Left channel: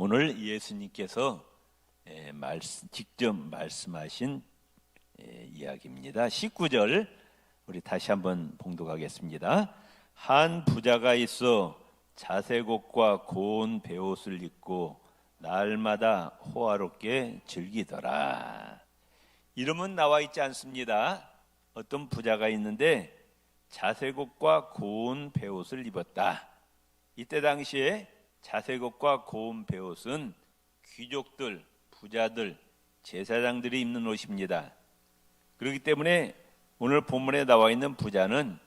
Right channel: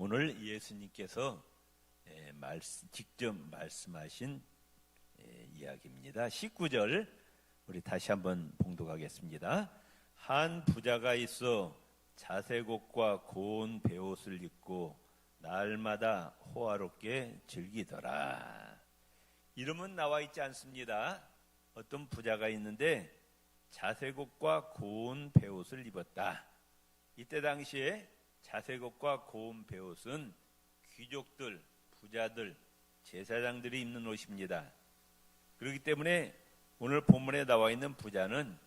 오늘 예수님께서 직접 말씀하신 이야기입니다. 19절 우리 다시 한번 봉독하겠습니다. 한 부자가 있어 자색옷과 고운 베옷을 입고 날마다 호화롭게 즐기더라. 이름은 나와 있지 않습니다. 어떤 부자가 있는데 자색옷과 고운 베옷을 입었다. 이때 당시에 자색옷과 고운 베옷은 귀족들, 부자들, 제사장들이 입는 옷입니다. 그렇기 때문에 오늘 본문에 나와 있는 부자는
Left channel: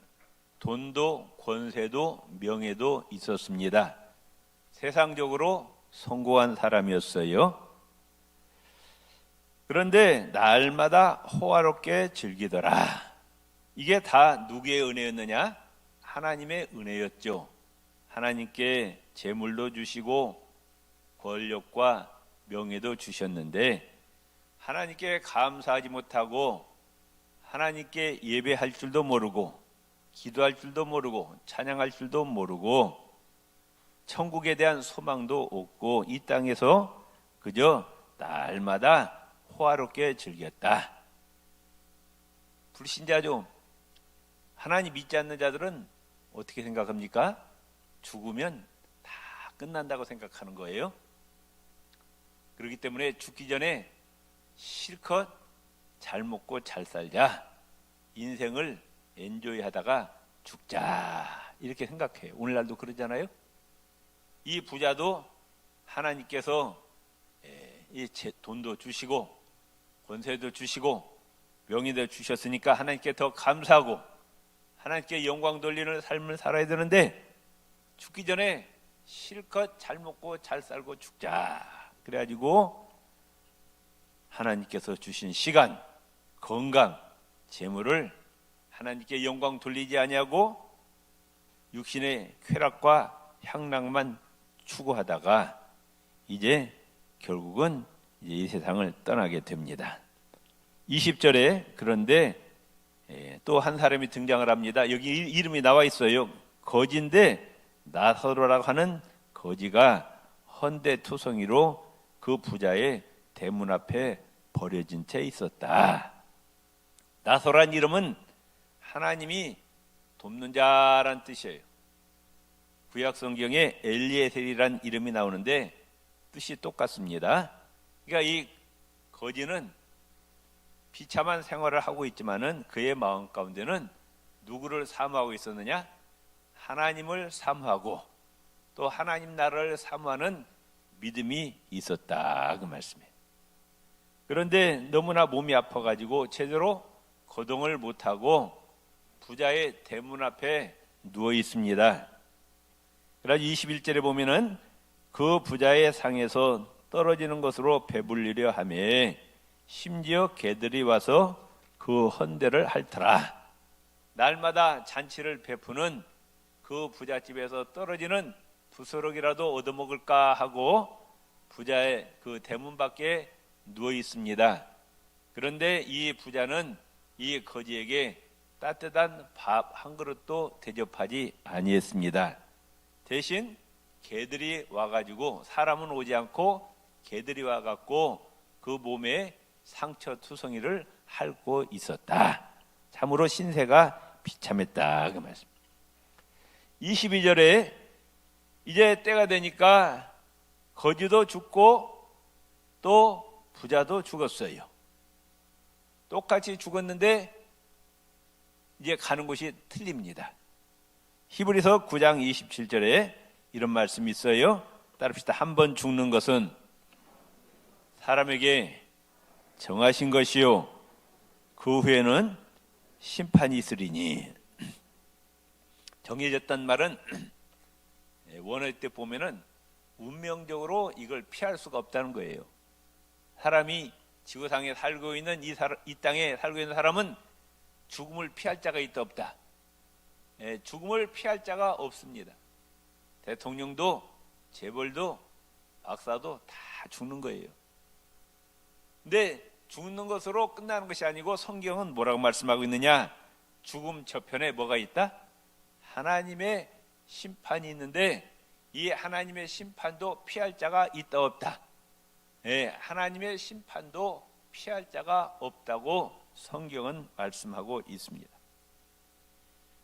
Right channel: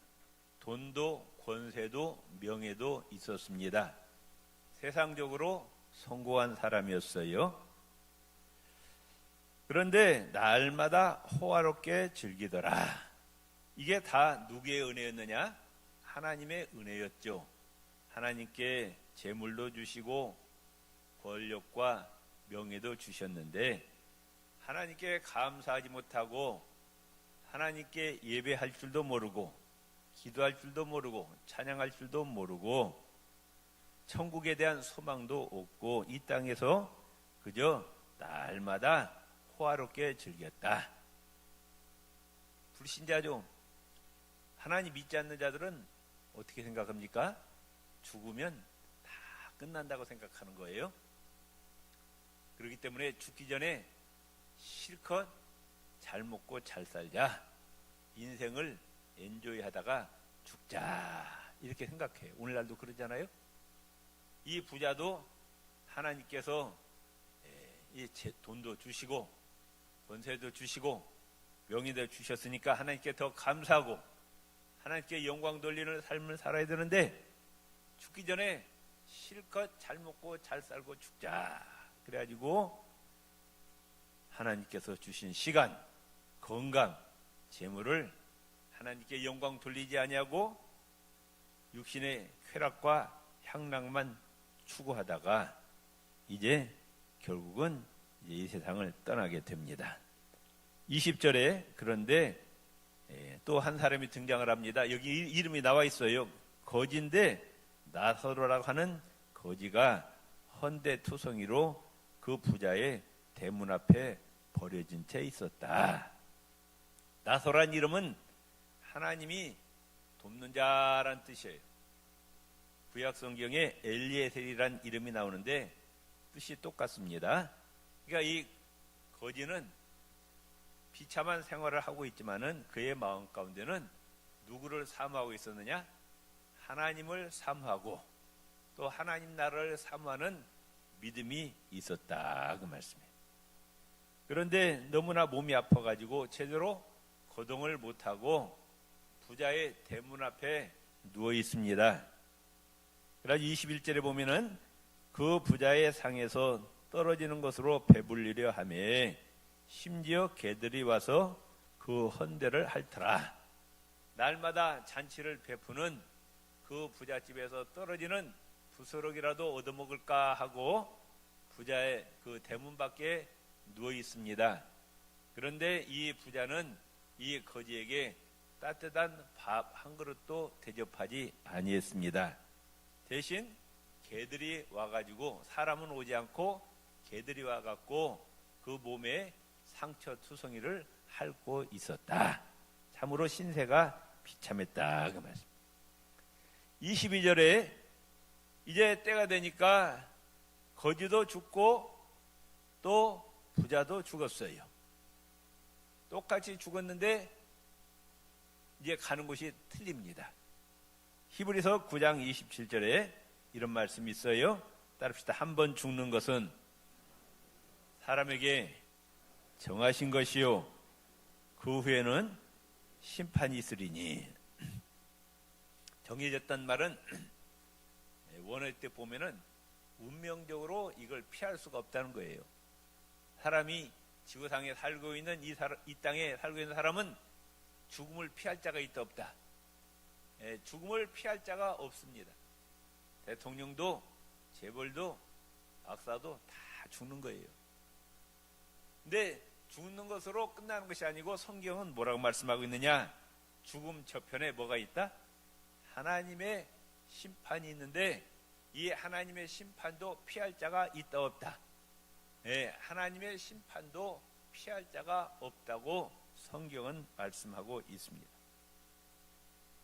돈도 권세도 명예도 있었습니다. 세상적으로 성공한 사람이었어요. 그런데 날마다 호화롭게 즐기더라. 이게 다 누구의 은혜였느냐? 하나님의 은혜였죠. 하나님께 재물도 주시고 권력과 명예도 주셨는데 하나님께 감사하지 못하고 하나님께 예배할 줄도 모르고 기도할 줄도 모르고 찬양할 줄도 모르고 천국에 대한 소망도 없고 이 땅에서 그저 날마다 호화롭게 즐겼다. 불신자죠. 하나님 믿지 않는 자들은 어떻게 생각합니까? 죽으면 다 끝난다고 생각하는 거예요. 그렇기 때문에 죽기 전에 실컷 잘 먹고 잘 살자, 인생을 엔조이 하다가 죽자 이렇게 생각해요. 오늘날도 그러잖아요. 이 부자도 하나님께서 이 돈도 주시고 권세도 주시고 명예도 주셨으니까 하나님께 더 감사하고 하나님께 영광 돌리는 삶을 살아야 되는데 죽기 전에 실컷 잘 먹고 잘 살고 죽자. 그래가지고 하나님께서 주신 시간, 건강, 재물을 하나님께 영광 돌리지 아니하고 육신의 쾌락과 향락만 추구하다가 이제 결국은 이제 이 세상을 떠나게 됩니다. 20절에 그런데 또 한 사람이 등장을 합니다. 여기 이름이 나와 있어요. 거지인데 나사로라고 하는 거지가 헌데투성이로 그 부자의 대문 앞에 버려진 채 있었다. 나사로란 이름은 하나님이 돕는 자란 뜻이에요. 구약 성경에 엘리에셀이란 이름이 나오는데 뜻이 똑같습니다. 그러니까 이 거지는 비참한 생활을 하고 있지만은 그의 마음 가운데는 누구를 사모하고 있었느냐? 하나님을 사모하고 또 하나님 나라를 사모하는 믿음이 있었다 그 말씀이에요. 그런데 너무나 몸이 아파가지고 제대로 거동을 못하고 부자의 대문 앞에 누워 있습니다. 그래서 21절에 보면은 그 부자의 상에서 떨어지는 것으로 배불리려 하며 심지어 개들이 와서 그 헌대를 핥더라. 날마다 잔치를 베푸는 그 부잣집에서 떨어지는 부스러기라도 얻어먹을까 하고 부자의 그 대문 밖에 누워 있습니다. 그런데 이 부자는 이 거지에게 따뜻한 밥 한 그릇도 대접하지 아니했습니다. 대신 개들이 와가지고 사람은 오지 않고 개들이 와갖고 그 몸에 상처 투성이를 핥고 있었다. 참으로 신세가 비참했다 그 말씀. 22절에 이제 때가 되니까 거지도 죽고 또 부자도 죽었어요. 똑같이 죽었는데 이제 가는 곳이 틀립니다. 히브리서 9장 27절에 이런 말씀이 있어요. 따릅시다. 한 번 죽는 것은 사람에게 정하신 것이요 그 후에는 심판이 있으리니. 정해졌단 말은 원할 때 보면은 운명적으로 이걸 피할 수가 없다는 거예요. 사람이 지구상에 살고 있는 이 땅에 살고 있는 사람은 죽음을 피할 자가 있다 없다. 죽음을 피할 자가 없습니다. 대통령도 재벌도 박사도 다 죽는 거예요. 근데 죽는 것으로 끝나는 것이 아니고 성경은 뭐라고 말씀하고 있느냐? 죽음 저편에 뭐가 있다? 하나님의 심판이 있는데 이 하나님의 심판도 피할 자가 있다 없다. 예, 하나님의 심판도 피할 자가 없다고 성경은 말씀하고 있습니다.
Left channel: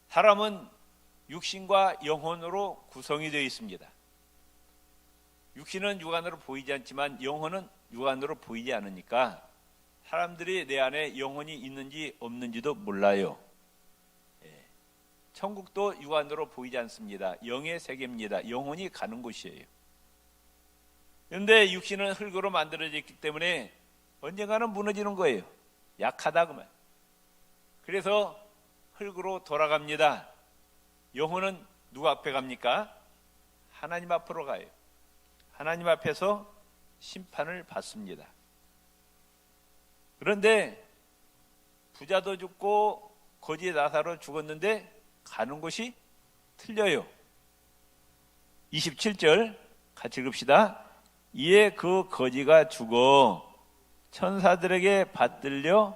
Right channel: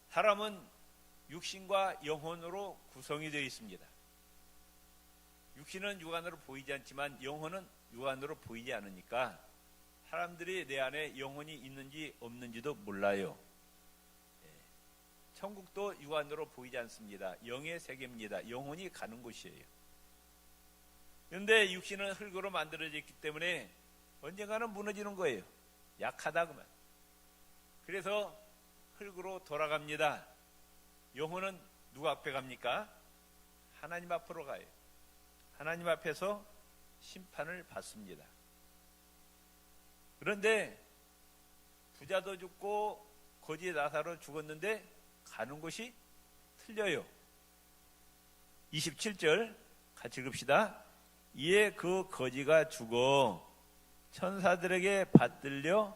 사람은 육신과 영혼으로 구성이 되어 있습니다. 육신은 육안으로 보이지 않지만 영혼은 육안으로 보이지 않으니까 사람들이 내 안에 영혼이 있는지 없는지도 몰라요. 천국도 육안으로 보이지 않습니다. 영의 세계입니다. 영혼이 가는 곳이에요. 그런데 육신은 흙으로 만들어졌기 때문에 언젠가는 무너지는 거예요. 약하다 그만. 그래서 흙으로 돌아갑니다. 영혼은 누구 앞에 갑니까? 하나님 앞으로 가요. 하나님 앞에서 심판을 받습니다. 그런데 부자도 죽고 거지 나사로 죽었는데 가는 곳이 틀려요. 27절 같이 읽읍시다. 이에 그 거지가 죽어 천사들에게 받들려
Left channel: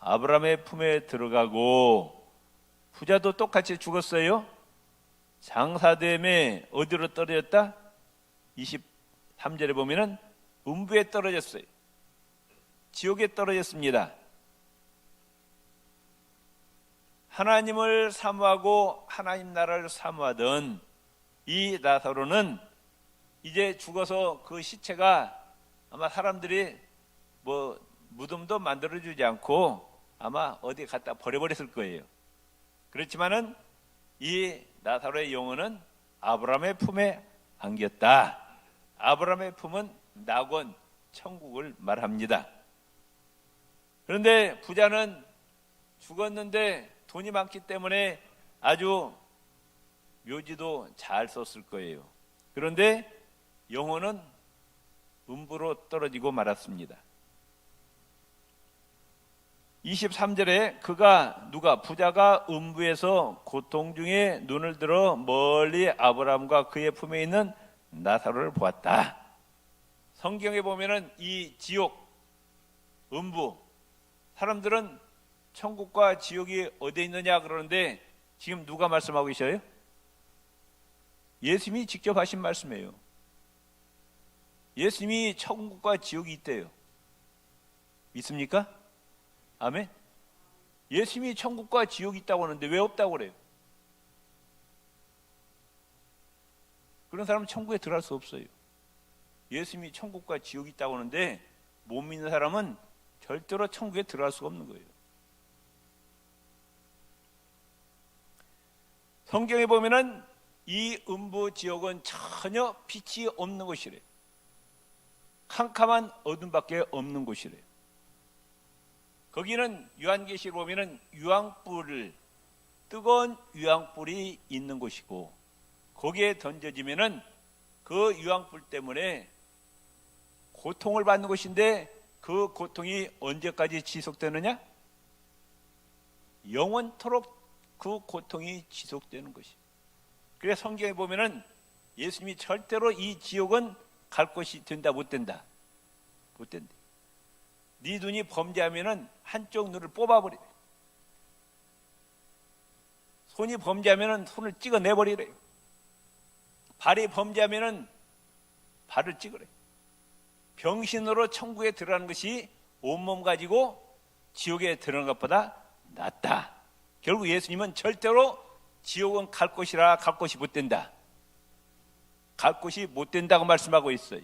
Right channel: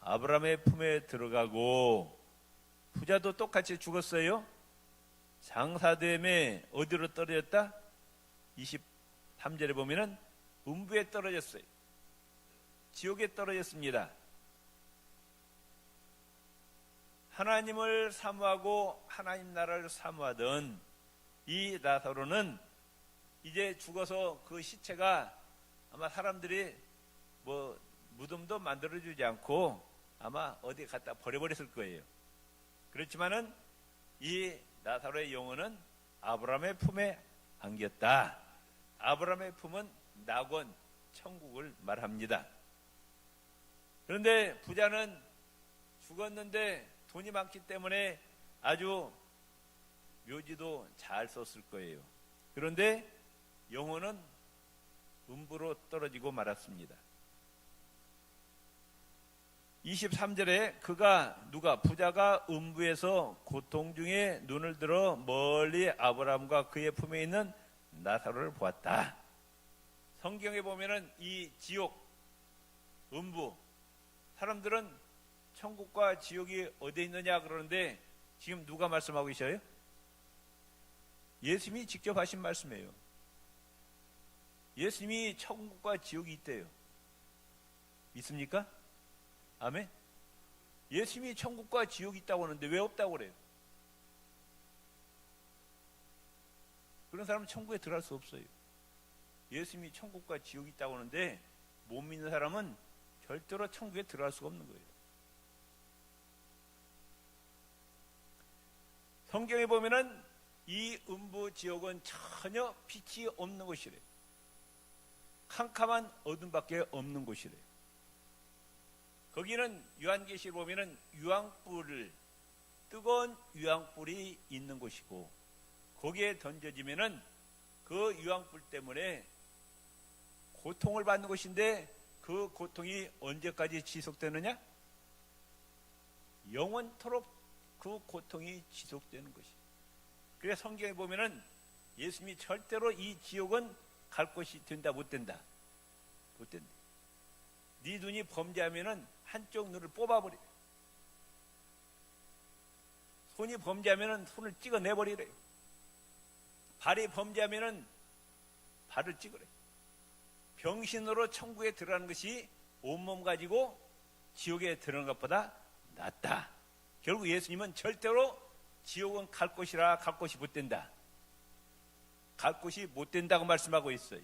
아브라함의 품에 들어가고, 부자도 똑같이 죽었어요. 장사됨에 어디로 떨어졌다? 23절에 보면은 음부에 떨어졌어요. 지옥에 떨어졌습니다. 하나님을 사모하고 하나님 나라를 사모하던 이 나사로는 이제 죽어서 그 시체가 아마 사람들이 무덤도 만들어주지 않고 아마 어디 갖다 버려버렸을 거예요. 그렇지만은 이 나사로의 영혼은 아브라함의 품에 안겼다. 아브라함의 품은 낙원, 천국을 말합니다. 그런데 부자는 죽었는데 돈이 많기 때문에 아주 묘지도 잘 썼을 거예요. 그런데 영혼은 음부로 떨어지고 말았습니다. 23절에 부자가 음부에서 고통 중에 눈을 들어 멀리 아브라함과 그의 품에 있는 나사로를 보았다. 성경에 보면은 이 지옥, 음부, 사람들은 천국과 지옥이 어디에 있느냐 그러는데 지금 누가 말씀하고 계셔요? 예수님이 직접 하신 말씀이에요. 예수님이 천국과 지옥이 있대요. 믿습니까? 아멘. 예수님이 천국과 지옥이 있다고 하는데 왜 없다고 그래요? 그런 사람은 천국에 들어갈 수 없어요. 예수님이 천국과 지옥이 있다고 하는데 못 믿는 사람은 절대로 천국에 들어갈 수가 없는 거예요. 성경에 보면은 이 음부 지옥은 전혀 빛이 없는 곳이래요. 캄캄한 어둠밖에 없는 곳이래요. 거기는 요한계시를 보면은 뜨거운 유황불이 있는 곳이고, 거기에 던져지면은 그 유황불 때문에 고통을 받는 곳인데, 그 고통이 언제까지 지속되느냐? 영원토록 그 고통이 지속되는 것이. 그래서 성경에 보면은 예수님이 절대로 이 지옥은 갈 곳이 된다 못 된다. 못 된다. 네 눈이 범죄하면은 한쪽 눈을 뽑아버려. 손이 범죄하면은 손을 찍어내버리래. 발이 범죄하면은 발을 찍으래. 병신으로 천국에 들어가는 것이 온몸 가지고 지옥에 들어가는 것보다 낫다. 결국 예수님은 절대로 지옥은 갈 곳이라 갈 곳이 못 된다. 갈 곳이 못 된다고 말씀하고 있어요.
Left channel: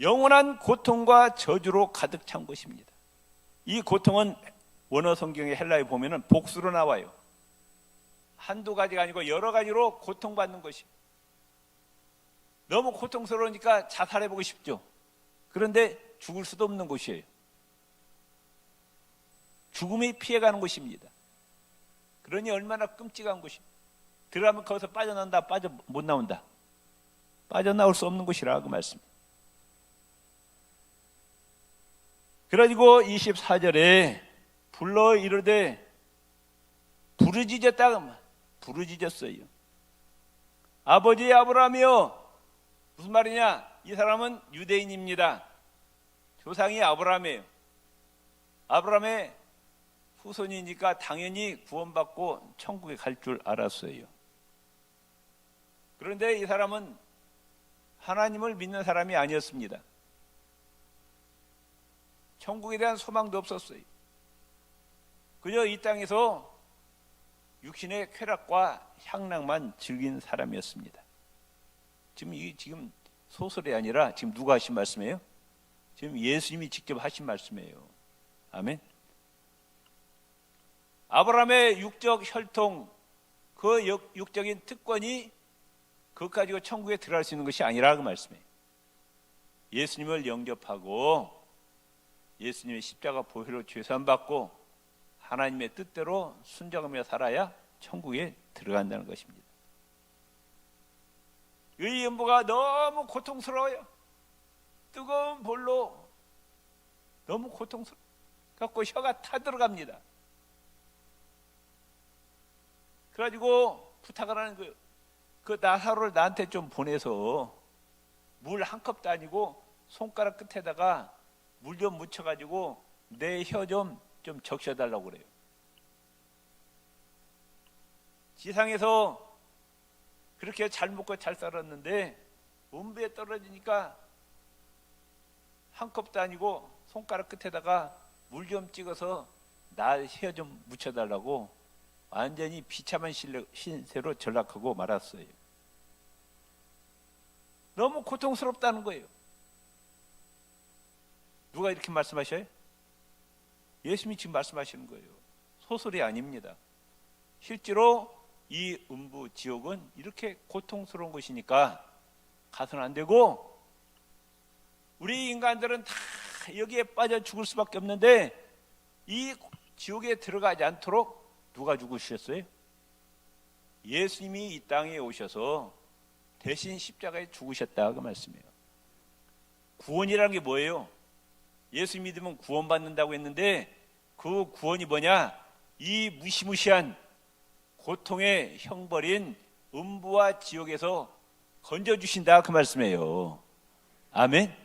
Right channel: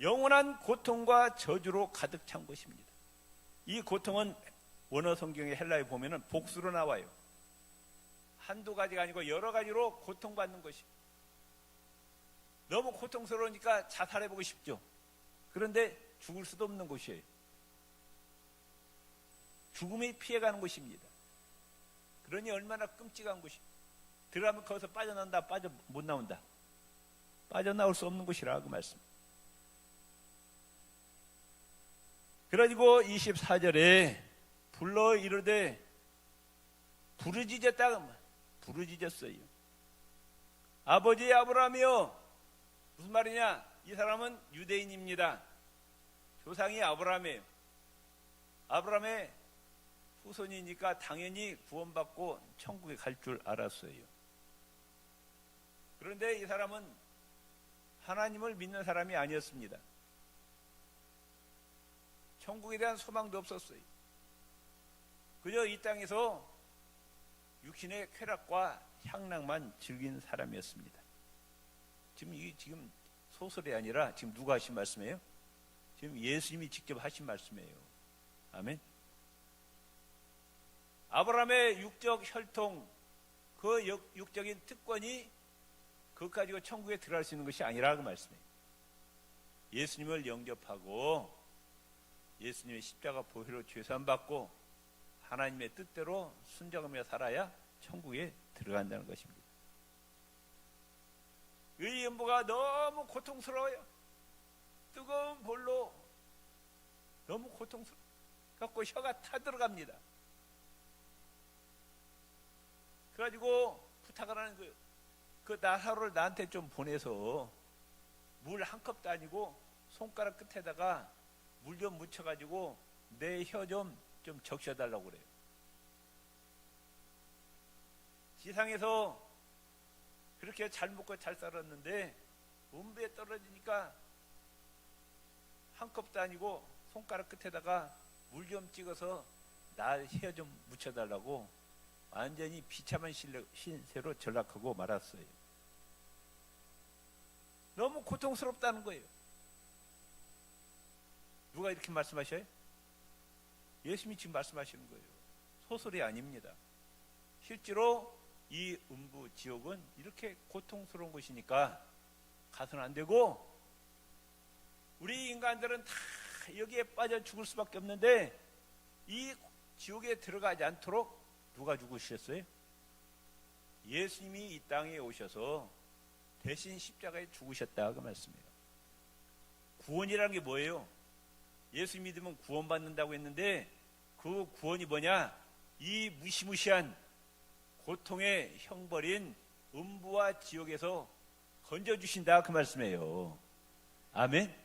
영원한 고통과 저주로 가득 찬 곳입니다. 이 고통은 원어 성경의 헬라에 보면은 복수로 나와요. 한두 가지가 아니고 여러 가지로 고통받는 것입니다. 너무 고통스러우니까 자살해보고 싶죠. 그런데 죽을 수도 없는 곳이에요. 죽음이 피해가는 곳입니다. 그러니 얼마나 끔찍한 곳입니다. 들어가면 거기서 빠져나온다, 못 나온다. 빠져나올 수 없는 곳이라 그 말씀. 그래가지고 24절에 불러 이르되 부르짖었어요. 아버지 아브라함이여. 무슨 말이냐? 이 사람은 유대인입니다. 조상이 아브라함이에요. 아브라함의 후손이니까 당연히 구원받고 천국에 갈 줄 알았어요. 그런데 이 사람은 하나님을 믿는 사람이 아니었습니다. 천국에 대한 소망도 없었어요. 그저 이 땅에서 육신의 쾌락과 향락만 즐긴 사람이었습니다. 지금 소설이 아니라 지금 누가 하신 말씀이에요? 지금 예수님이 직접 하신 말씀이에요. 아멘. 아브라함의 육적 혈통, 그 육적인 특권이 그것 가지고 천국에 들어갈 수 있는 것이 아니라 그 말씀이에요. 예수님을 영접하고 예수님의 십자가 보혈로 죄산받고 하나님의 뜻대로 순종하며 살아야 천국에 들어간다는 것입니다. 의인부가 너무 고통스러워요. 뜨거운 볼로 너무 고통스러워 갖고 혀가 타들어갑니다. 그래가지고 부탁을 하는 거예요. 그 나사로를 나한테 좀 보내서 물 한 컵도 아니고 손가락 끝에다가 물 좀 묻혀가지고 내 혀 좀 적셔달라고 그래요. 지상에서 그렇게 잘 먹고 잘 살았는데 음부에 떨어지니까 한 컵도 아니고 손가락 끝에다가 물 좀 찍어서 나 혀 좀 묻혀달라고 완전히 비참한 신세로 전락하고 말았어요. 너무 고통스럽다는 거예요. 누가 이렇게 말씀하셔요? 예수님이 지금 말씀하시는 거예요. 소설이 아닙니다. 실제로 이 음부 지옥은 이렇게 고통스러운 것이니까 가서는 안 되고, 우리 인간들은 다 여기에 빠져 죽을 수밖에 없는데 이 지옥에 들어가지 않도록 누가 죽으셨어요? 예수님이 이 땅에 오셔서 대신 십자가에 죽으셨다 그 말씀이에요. 구원이라는 게 뭐예요? 예수 믿으면 구원받는다고 했는데 그 구원이 뭐냐? 이 무시무시한 고통의 형벌인 음부와 지옥에서 건져주신다 그 말씀이에요. 아멘.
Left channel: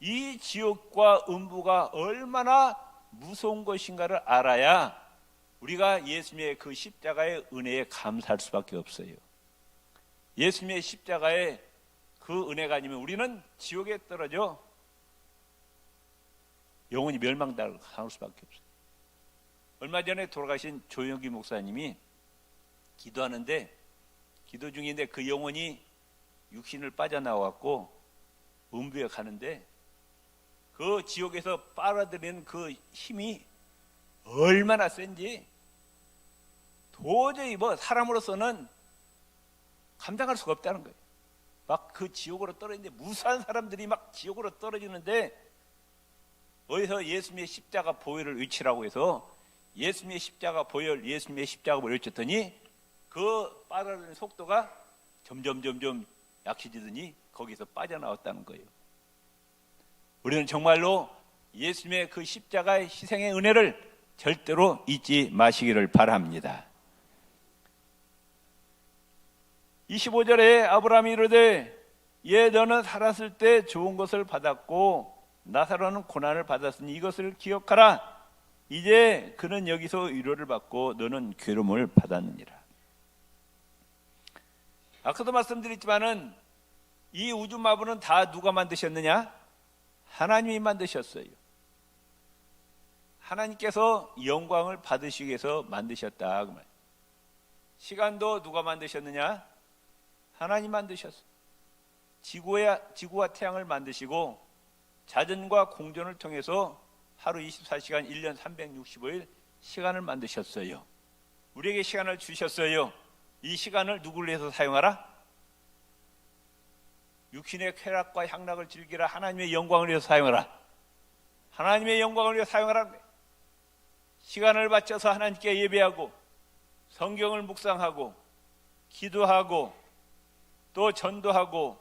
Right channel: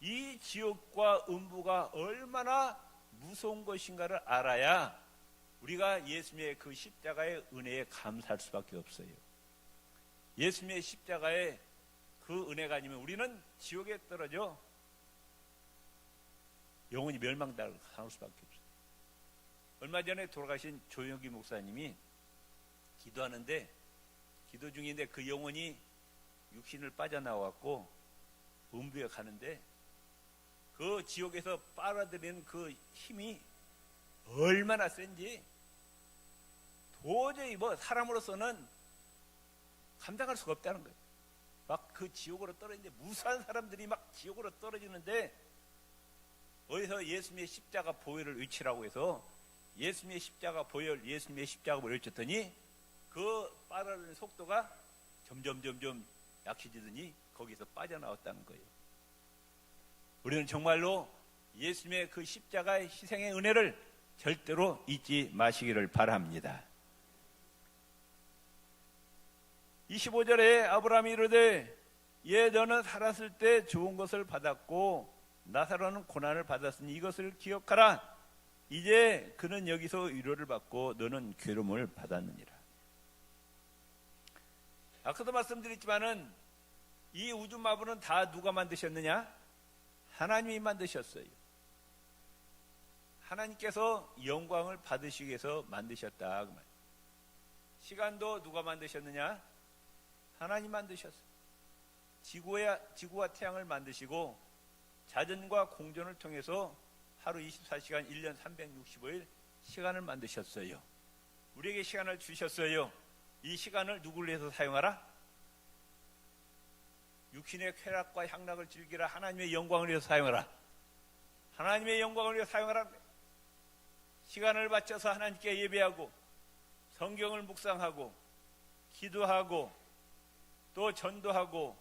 이 지옥과 음부가 얼마나 무서운 것인가를 알아야 우리가 예수님의 그 십자가의 은혜에 감사할 수밖에 없어요. 예수님의 십자가의 그 은혜가 아니면 우리는 지옥에 떨어져 영원히 멸망당할 수밖에 없어요. 얼마 전에 돌아가신 조영기 목사님이 기도하는데, 기도 중인데 그 영혼이 육신을 빠져나왔고 음부에 가는데 그 지옥에서 빨아들이는 그 힘이 얼마나 센지 도저히 사람으로서는 감당할 수가 없다는 거예요. 막 그 지옥으로 떨어지는데, 무수한 사람들이 막 지옥으로 떨어지는데 어디서 예수님의 십자가 보혈을 외치라고 해서 예수님의 십자가 보혈, 예수님의 십자가 보혈을 외쳤더니 그 빨아들이는 속도가 점점 약해지더니 거기서 빠져나왔다는 거예요. 우리는 정말로 예수님의 그 십자가의 희생의 은혜를 절대로 잊지 마시기를 바랍니다. 25절에 아브라함이 이르되 예 너는 살았을 때 좋은 것을 받았고 나사로는 고난을 받았으니 이것을 기억하라. 이제 그는 여기서 위로를 받고 너는 괴로움을 받았느니라. 아까도 말씀드렸지만은 이 우주 마부는 다 누가 만드셨느냐? 하나님이 만드셨어요. 하나님께서 영광을 받으시기 위해서 만드셨다. 시간도 누가 만드셨느냐? 하나님 만드셨어요. 지구와 태양을 만드시고 자전과 공전을 통해서 하루 24시간 1년 365일 시간을 만드셨어요. 우리에게 시간을 주셨어요. 이 시간을 누구를 위해서 사용하라? 육신의 쾌락과 향락을 즐기라. 하나님의 영광을 위해서 사용하라. 하나님의 영광을 위해서 사용하라. 시간을 바쳐서 하나님께 예배하고 성경을 묵상하고 기도하고 또 전도하고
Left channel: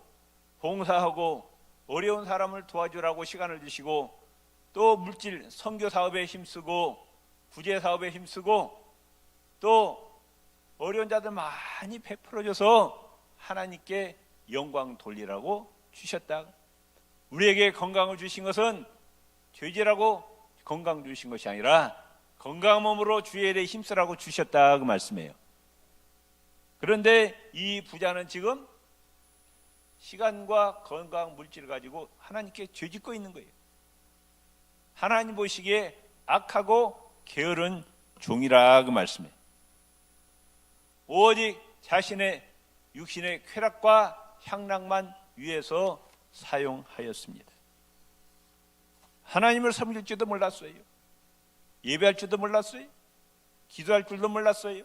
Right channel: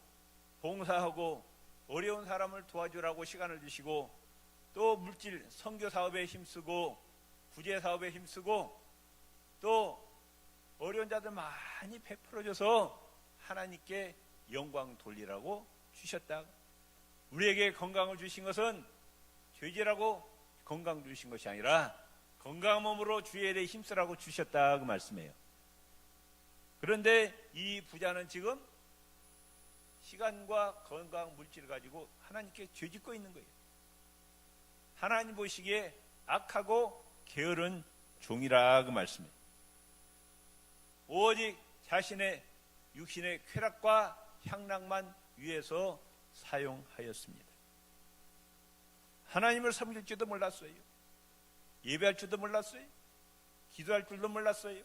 봉사하고 어려운 사람을 도와주라고 시간을 주시고 또 물질 선교 사업에 힘쓰고 구제 사업에 힘쓰고 또 어려운 자들 많이 베풀어줘서 하나님께 영광 돌리라고 주셨다. 우리에게 건강을 주신 것은 죄지라고 건강 주신 것이 아니라 건강한 몸으로 주의 일에 힘쓰라고 주셨다 그 말씀이에요. 그런데 이 부자는 지금 시간과 건강, 물질을 가지고 하나님께 죄짓고 있는 거예요. 하나님 보시기에 악하고 게으른 종이라 그 말씀이에요. 오직 자신의 육신의 쾌락과 향락만 위해서 사용하였습니다. 하나님을 섬길 줄도 몰랐어요. 예배할 줄도 몰랐어요. 기도할 줄도 몰랐어요.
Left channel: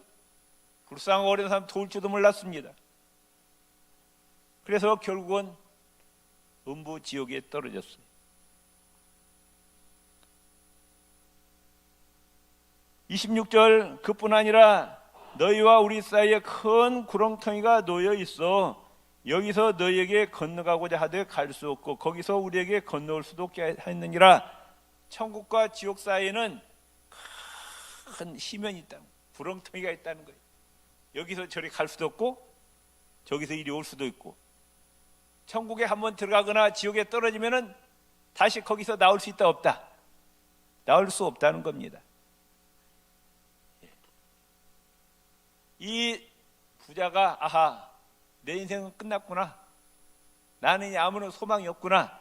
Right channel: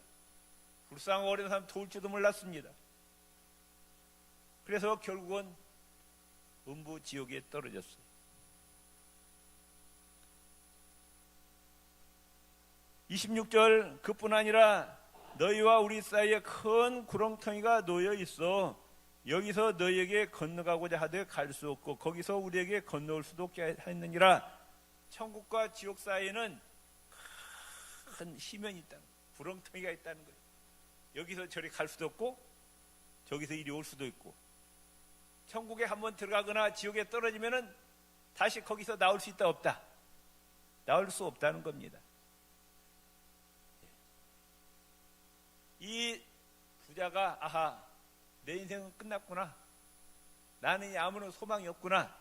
불쌍하고 어려운 사람 도울 줄도 몰랐습니다. 그래서 결국은 음부 지옥에 떨어졌어요. (26절) 그뿐 아니라 너희와 우리 사이에 큰 구렁텅이가 놓여 있어 여기서 너희에게 건너가고자 하되 갈 수 없고 거기서 우리에게 건너올 수도 없게 하였느니라. 천국과 지옥 사이에는 큰 시면이 있다는 거예요. 구렁텅이가 있다는 거예요. 여기서 저리 갈 수도 없고 저기서 이리 올 수도 있고, 천국에 한번 들어가거나 지옥에 떨어지면은 다시 거기서 나올 수 있다 없다? 나올 수 없다는 겁니다. 이 부자가 아하, 내 인생은 끝났구나, 나는 아무런 소망이 없구나,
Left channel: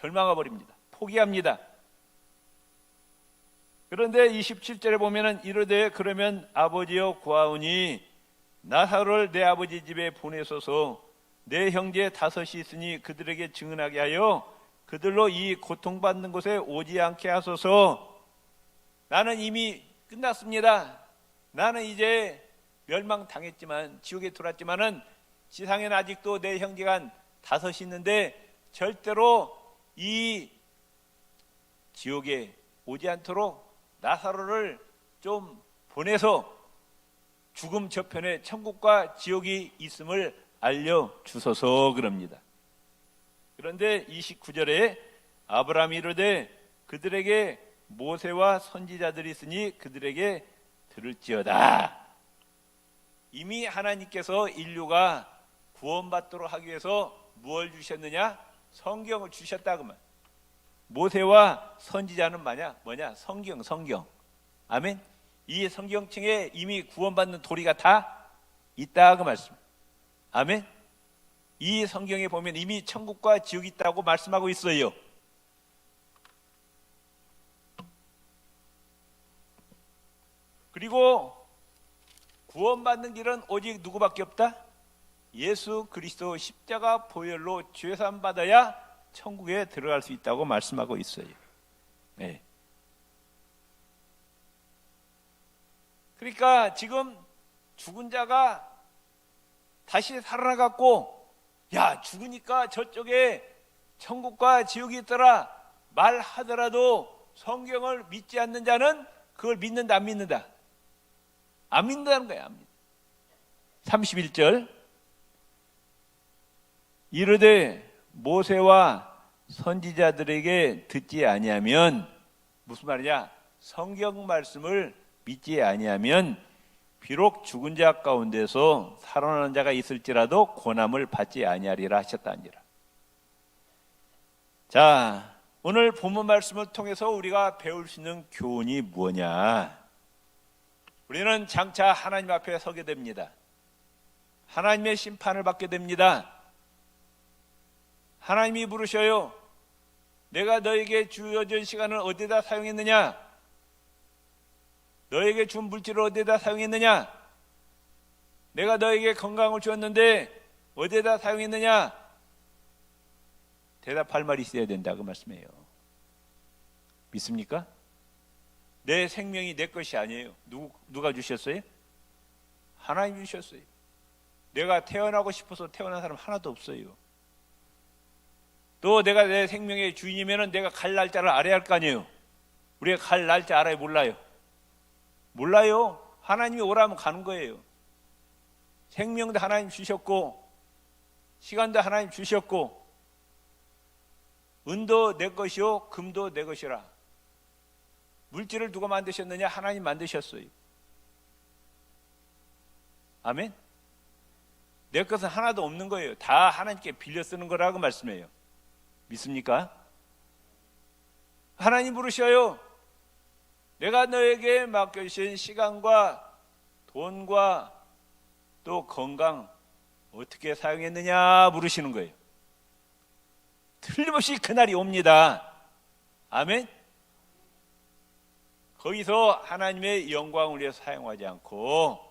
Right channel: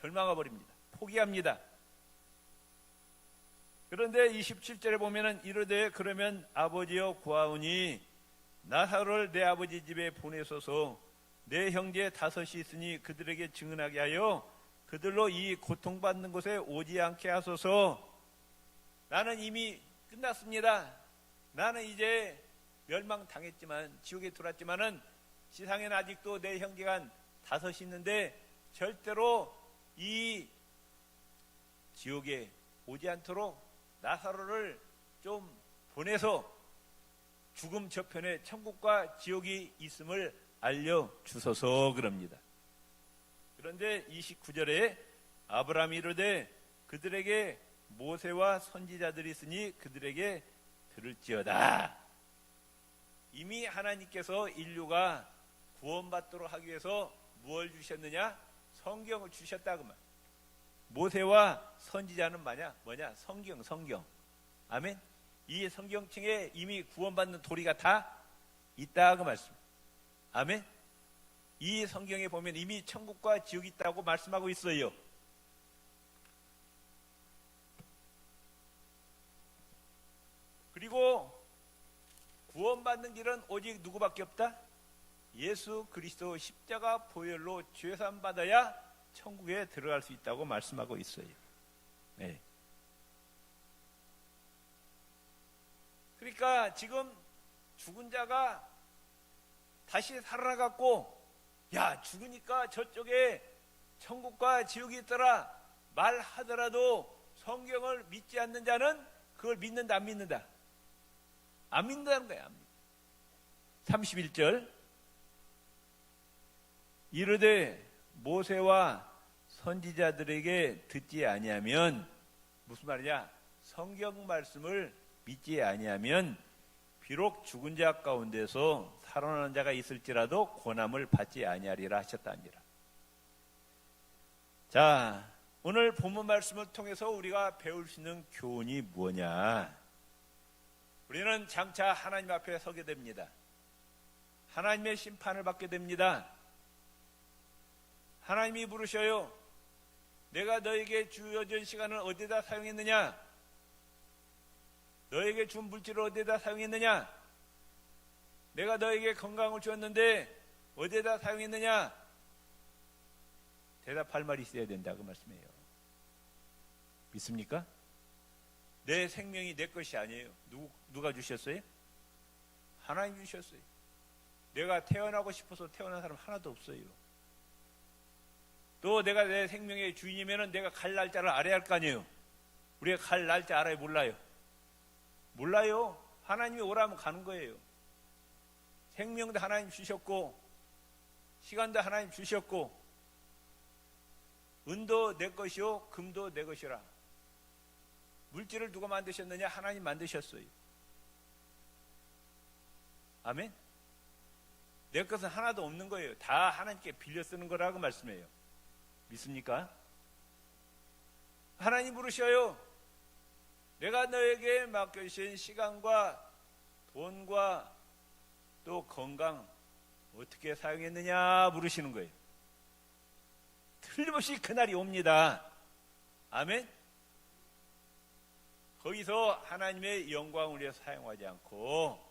절망해 버립니다. 포기합니다. 그런데 27절에 보면은 이르되 그러면 아버지여 구하오니 나사로를 내 아버지 집에 보내소서. 내 형제 5이 있으니 그들에게 증언하게 하여 그들로 이 고통받는 곳에 오지 않게 하소서. 나는 이미 끝났습니다. 나는 이제 멸망당했지만, 지옥에 들어왔지만은 지상에는 아직도 내 형제가 5이 있는데 절대로 이 지옥에 오지 않도록 나사로를 좀 보내서 죽음 저편에 천국과 지옥이 있음을 알려주소서 그럽니다. 그런데 29절에 아브라함이 이르되 그들에게 모세와 선지자들이 있으니 그들에게 들을지어다. 이미 하나님께서 인류가 구원받도록 하기 위해서 무엇을 주셨느냐? 성경을 주셨다 그 말. 모세와 선지자는 뭐냐? 성경. 아멘. 이 성경책에 이미 구원받는 도리가 다 있다 그 말씀. 아멘. 이 성경에 보면 이미 천국과 지옥이 있다고 말씀하고 있어요. 그리고 구원받는 길은 오직 누구밖에 없다? 예수 그리스도 십자가 보혈로 죄사함 받아야 천국에 들어갈 수 있다고 말씀하고 있어요. 네. 그러니까 지금 죽은 자가 다시 살아나갖고 야, 죽으니까 저쪽에 천국과 지옥이 있더라 말하더라도 성경을 믿지 않는 자는 그걸 믿는다 안 믿는다? 안 믿는다는 거야. 31절 이르되 모세와 선지자들에게 듣지 아니하면, 무슨 말이냐? 성경 말씀을 믿지 아니하면 비록 죽은 자 가운데서 살아나는 자가 있을지라도 고난을 받지 아니하리라 하셨다니라. 자, 오늘 본문 말씀을 통해서 우리가 배울 수 있는 교훈이 뭐냐? 우리는 장차 하나님 앞에 서게 됩니다. 하나님의 심판을 받게 됩니다. 하나님이 부르셔요. 내가 너에게 주어진 시간을 어디다 사용했느냐? 너에게 준 물질을 어디다 사용했느냐? 내가 너에게 건강을 주었는데 어디다 사용했느냐? 대답할 말이 있어야 된다 그 말씀이에요. 믿습니까? 내 생명이 내 것이 아니에요. 누가 주셨어요? 하나님 주셨어요. 내가 태어나고 싶어서 태어난 사람 하나도 없어요. 또 내가 내 생명의 주인이면 내가 갈 날짜를 알아야 할 거 아니에요. 우리가 갈 날짜 알아요? 몰라요. 하나님이 오라면 가는 거예요. 생명도 하나님 주셨고 시간도 하나님 주셨고 은도 내 것이요 금도 내 것이라. 물질을 누가 만드셨느냐? 하나님 만드셨어요. 아멘. 내 것은 하나도 없는 거예요. 다 하나님께 빌려 쓰는 거라고 말씀해요. 믿습니까? 하나님 부르셔요. 내가 너에게 맡겨주신 시간과 돈과 또 건강 어떻게 사용했느냐 물으시는 거예요. 틀림없이 그날이 옵니다. 아멘. 거기서 하나님의 영광을 위해 사용하지 않고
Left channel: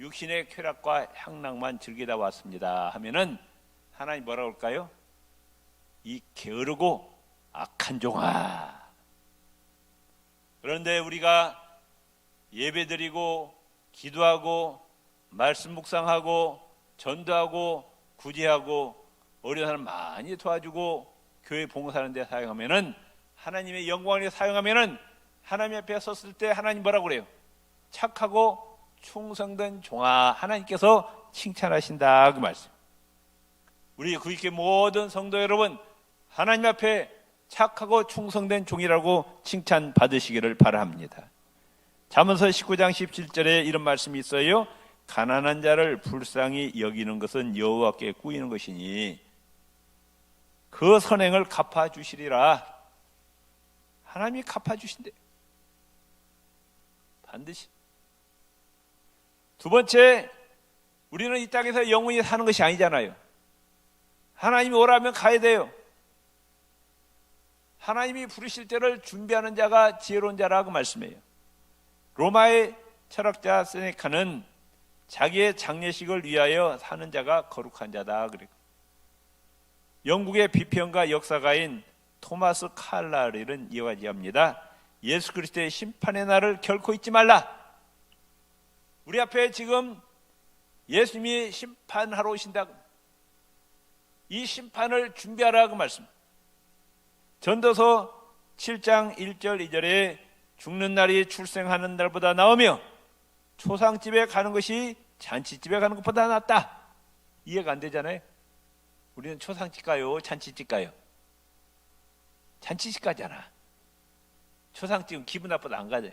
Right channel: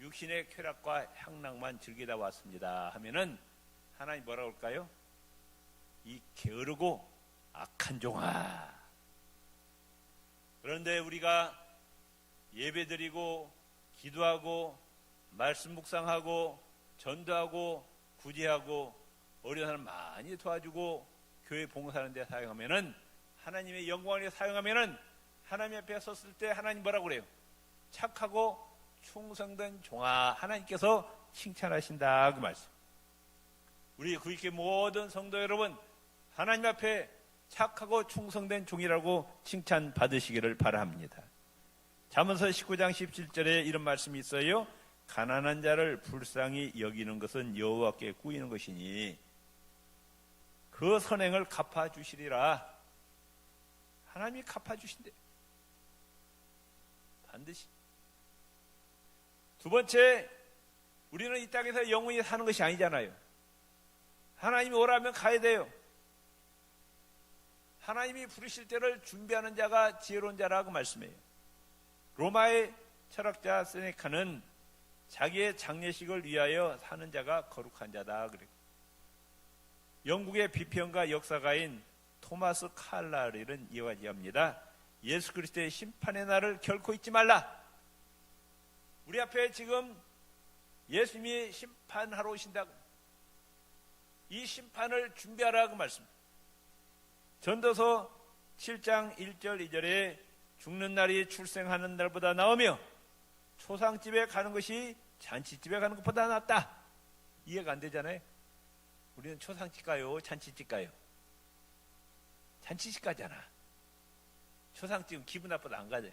육신의 쾌락과 향락만 즐기다 왔습니다 하면은 하나님 뭐라고 할까요? 이 게으르고 악한 종아. 그런데 우리가 예배드리고 기도하고 말씀 묵상하고 전도하고 구제하고 어려운 사람 많이 도와주고 교회 봉사하는 데 사용하면은 하나님의 영광을 위해 사용하면은 하나님 앞에 섰을 때 하나님 뭐라고 그래요? 착하고 충성된 종아. 하나님께서 칭찬하신다 그 말씀. 우리 구익교회 모든 성도 여러분, 하나님 앞에 착하고 충성된 종이라고 칭찬 받으시기를 바랍니다. 잠언서 19장 17절에 이런 말씀이 있어요. 가난한 자를 불쌍히 여기는 것은 여호와께 꾸이는 것이니 그 선행을 갚아주시리라. 하나님이 갚아주신대. 반드시. 두 번째, 우리는 이 땅에서 영원히 사는 것이 아니잖아요. 하나님이 오라면 가야 돼요. 하나님이 부르실 때를 준비하는 자가 지혜로운 자라고 말씀해요. 로마의 철학자 세네카는 자기의 장례식을 위하여 사는 자가 거룩한 자다 그래요. 영국의 비평가 역사가인 토마스 칼라렐은 이와 같이합니다. 예수 그리스도의 심판의 날을 결코 잊지 말라. 우리 앞에 지금 예수님이 심판하러 오신다. 이 심판을 준비하라고 말씀. 전도서 7장 1절 2절에 죽는 날이 출생하는 날보다 나으며 초상집에 가는 것이 잔치집에 가는 것보다 낫다. 이해가 안 되잖아요. 우리는 초상집 가요, 잔치집 가요? 잔치집 가잖아. 초상집은 기분 나빠도 안 가죠.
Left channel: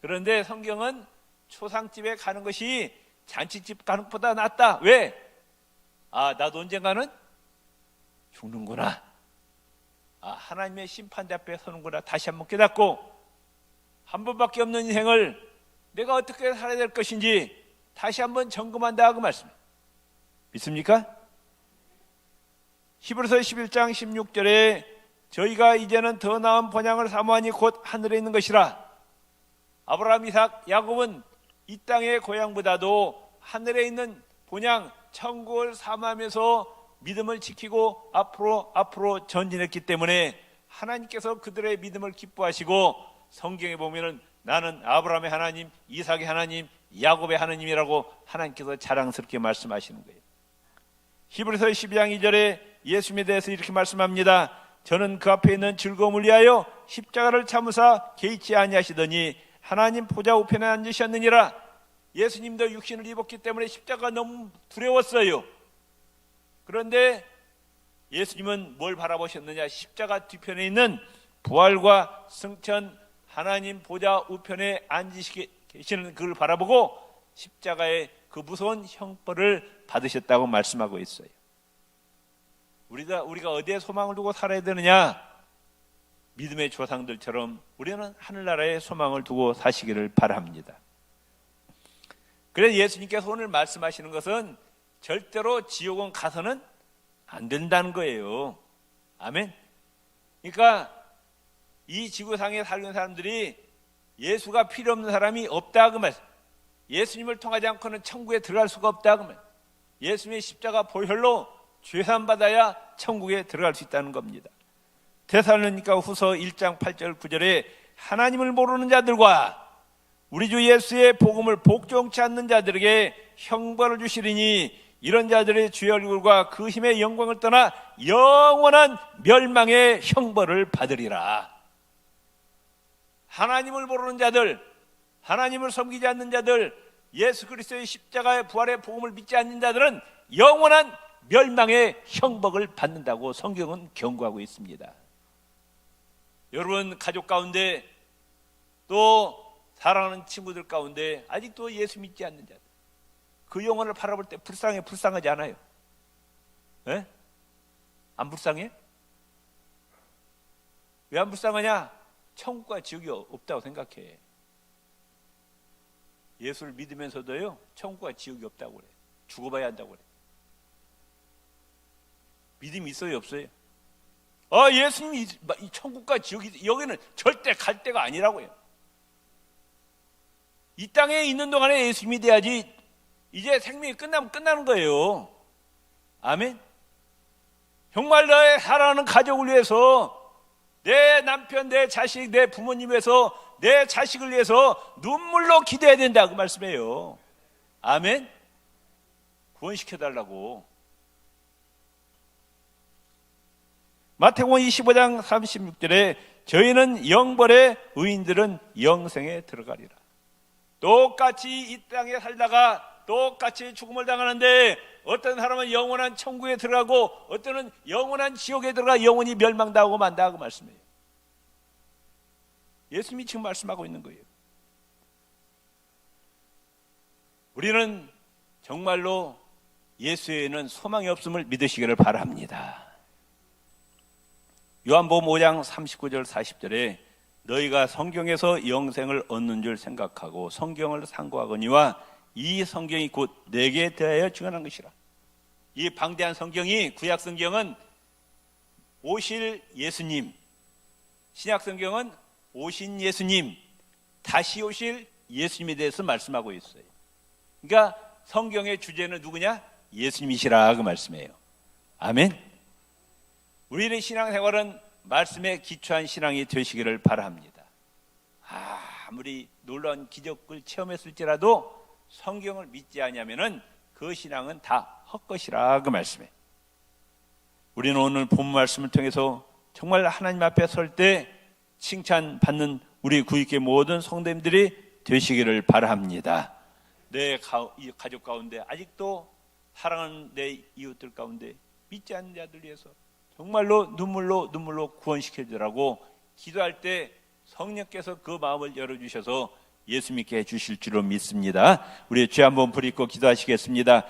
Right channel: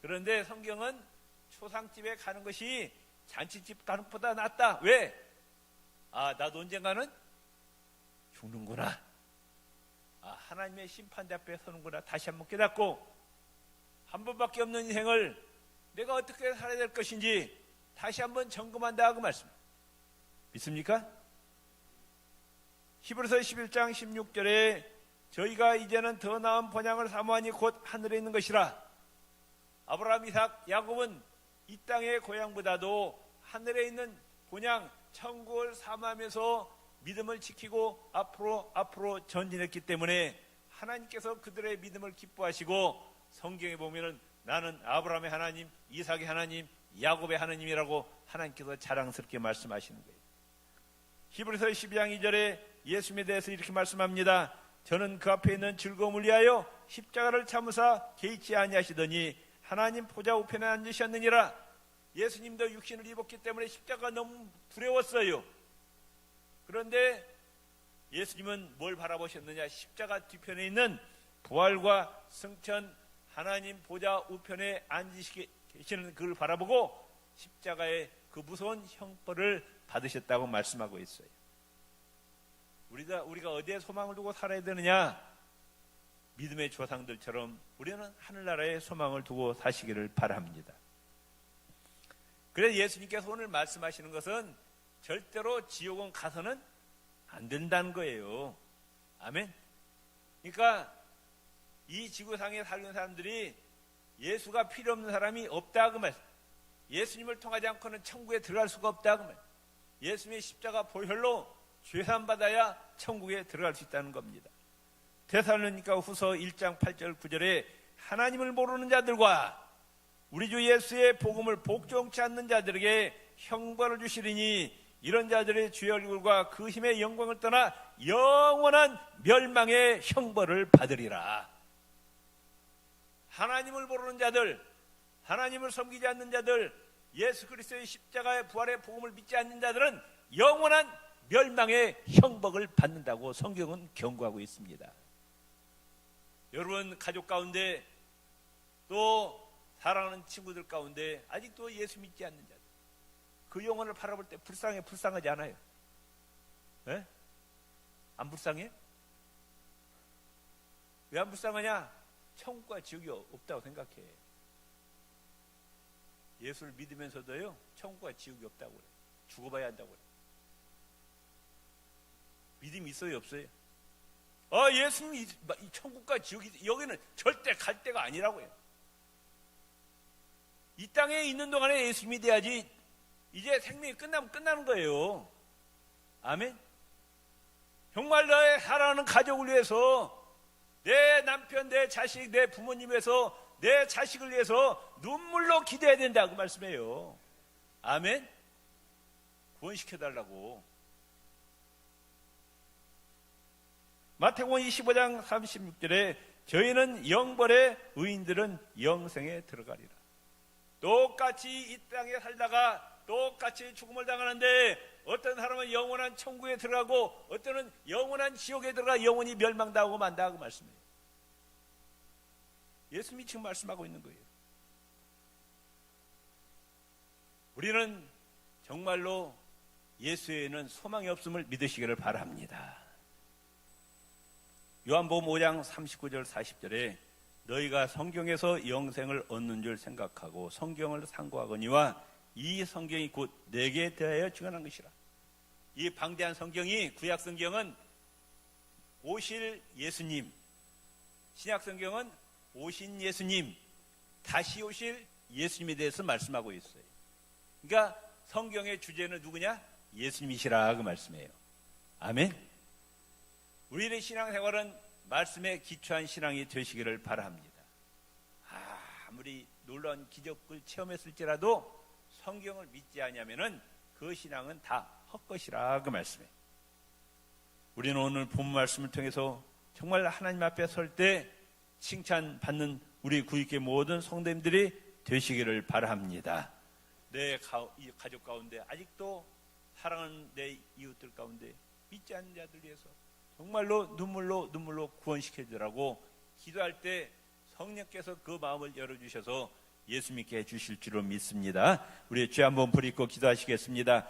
그런데 성경은 초상집에 가는 것이 잔치집 가는 것보다 낫다. 왜? 나도 언젠가는 죽는구나. 하나님의 심판대 앞에 서는구나. 다시 한번 깨닫고 한 번밖에 없는 인생을 내가 어떻게 살아야 될 것인지 다시 한번 점검한다 그 말씀. 믿습니까? 히브리서 11장 16절에 저희가 이제는 더 나은 본향을 사모하니 곧 하늘에 있는 것이라. 아브라함, 이삭, 야곱은 이 땅의 고향보다도 하늘에 있는 본향 천국을 사모하면서 믿음을 지키고 앞으로 전진했기 때문에 하나님께서 그들의 믿음을 기뻐하시고 성경에 보면은 나는 아브라함의 하나님, 이삭의 하나님, 야곱의 하나님이라고 하나님께서 자랑스럽게 말씀하시는 거예요. 히브리서 12장 2절에 예수님에 대해서 이렇게 말씀합니다. 저는 그 앞에 있는 즐거움을 위하여 십자가를 참으사 개의치 아니하시더니 하나님 보좌 우편에 앉으셨느니라. 예수님도 육신을 입었기 때문에 십자가가 너무 두려웠어요. 그런데 예수님은 뭘 바라보셨느냐? 십자가 뒤편에 있는 부활과 승천, 하나님 보좌 우편에 앉으시는 그를 바라보고 십자가의 그 무서운 형벌을 받으셨다고 말씀하고 있어요. 우리가 어디에 소망을 두고 살아야 되느냐? 믿음의 조상들처럼 우리는 하늘나라에 소망을 두고 사시기를 바랍니다. 그래서 예수님께서 오늘 말씀하시는 것은 절대로 지옥은 가서는 안 된다는 거예요. 아멘. 그러니까 이 지구상에 살는 사람들이 예수가 필요 없는 사람이 없다 그 말. 예수님을 통하지 않고는 천국에 들어갈 수가 없다 그 말. 예수님의 십자가 보혈로 죄산 받아야 천국에 들어갈 수 있다는 겁니다. 데살로니가 후서 1장 8절 9절에 하나님을 모르는 자들과 우리 주 예수의 복음을 복종치 않는 자들에게 형벌을 주시리니 이런 자들의 주의 얼굴과 그 힘의 영광을 떠나 영원한 멸망의 형벌을 받으리라. 하나님을 모르는 자들, 하나님을 섬기지 않는 자들, 예수 그리스도의 십자가의 부활의 복음을 믿지 않는 자들은 영원한 멸망의 형벌을 받는다고 성경은 경고하고 있습니다. 여러분 가족 가운데 또 사랑하는 친구들 가운데 아직도 예수 믿지 않는 자들, 그 영혼을 바라볼 때 불쌍하지 않아요? 네? 안 불쌍해? 왜 안 불쌍하냐? 천국과 지옥이 없다고 생각해. 예수를 믿으면서도요 천국과 지옥이 없다고 그래. 죽어봐야 한다고 그래요. 믿음이 있어요, 없어요? 예수님이 이 천국과 지옥이 여기는 절대 갈 데가 아니라고요. 이 땅에 있는 동안에 예수님이 돼야지 이제 생명이 끝나면 끝나는 거예요. 아멘. 정말 나의 사랑하는 가족을 위해서, 내 남편, 내 자식, 내 부모님 위해서, 내 자식을 위해서 눈물로 기도해야 된다, 그 말씀이에요. 아멘. 구원시켜달라고. 마태복음 25장 36절에 저희는 영벌에 의인들은 영생에 들어가리라. 똑같이 이 땅에 살다가 똑같이 죽음을 당하는데 어떤 사람은 영원한 천국에 들어가고 어떤 영원한 지옥에 들어가 영원히 멸망당하고 만다, 그 말씀이에요. 예수님이 지금 말씀하고 있는 거예요. 우리는 정말로 예수에는 소망이 없음을 믿으시기를 바랍니다. 요한복음 5장 39절 40절에 너희가 성경에서 영생을 얻는 줄 생각하고 성경을 상고하거니와 이 성경이 곧 내게 대하여 증언한 것이라. 이 방대한 성경이, 구약 성경은 오실 예수님, 신약 성경은 오신 예수님, 다시 오실 예수님에 대해서 말씀하고 있어요. 그러니까 성경의 주제는 누구냐? 예수님이시라, 그 말씀이에요. 아멘. 우리의 신앙생활은 말씀에 기초한 신앙이 되시기를 바랍니다. 아무리 놀라운 기적을 체험했을지라도 성경을 믿지 않으면은 그 신앙은 다 헛것이라, 그 말씀이에요. 우리는 오늘 본 말씀을 통해서 정말 하나님 앞에 설 때 칭찬받는 우리 구익의 모든 성도님들이 되시기를 바랍니다. 내 가족 가운데 아직도 사랑하는 내 이웃들 가운데 믿지 않는 자들 위해서 정말로 눈물로 구원시켜주라고 기도할 때 성령께서 그 마음을 열어주셔서 예수 믿게 해주실 줄로 믿습니다. 우리 죄 한번 부리고 기도하시겠습니다.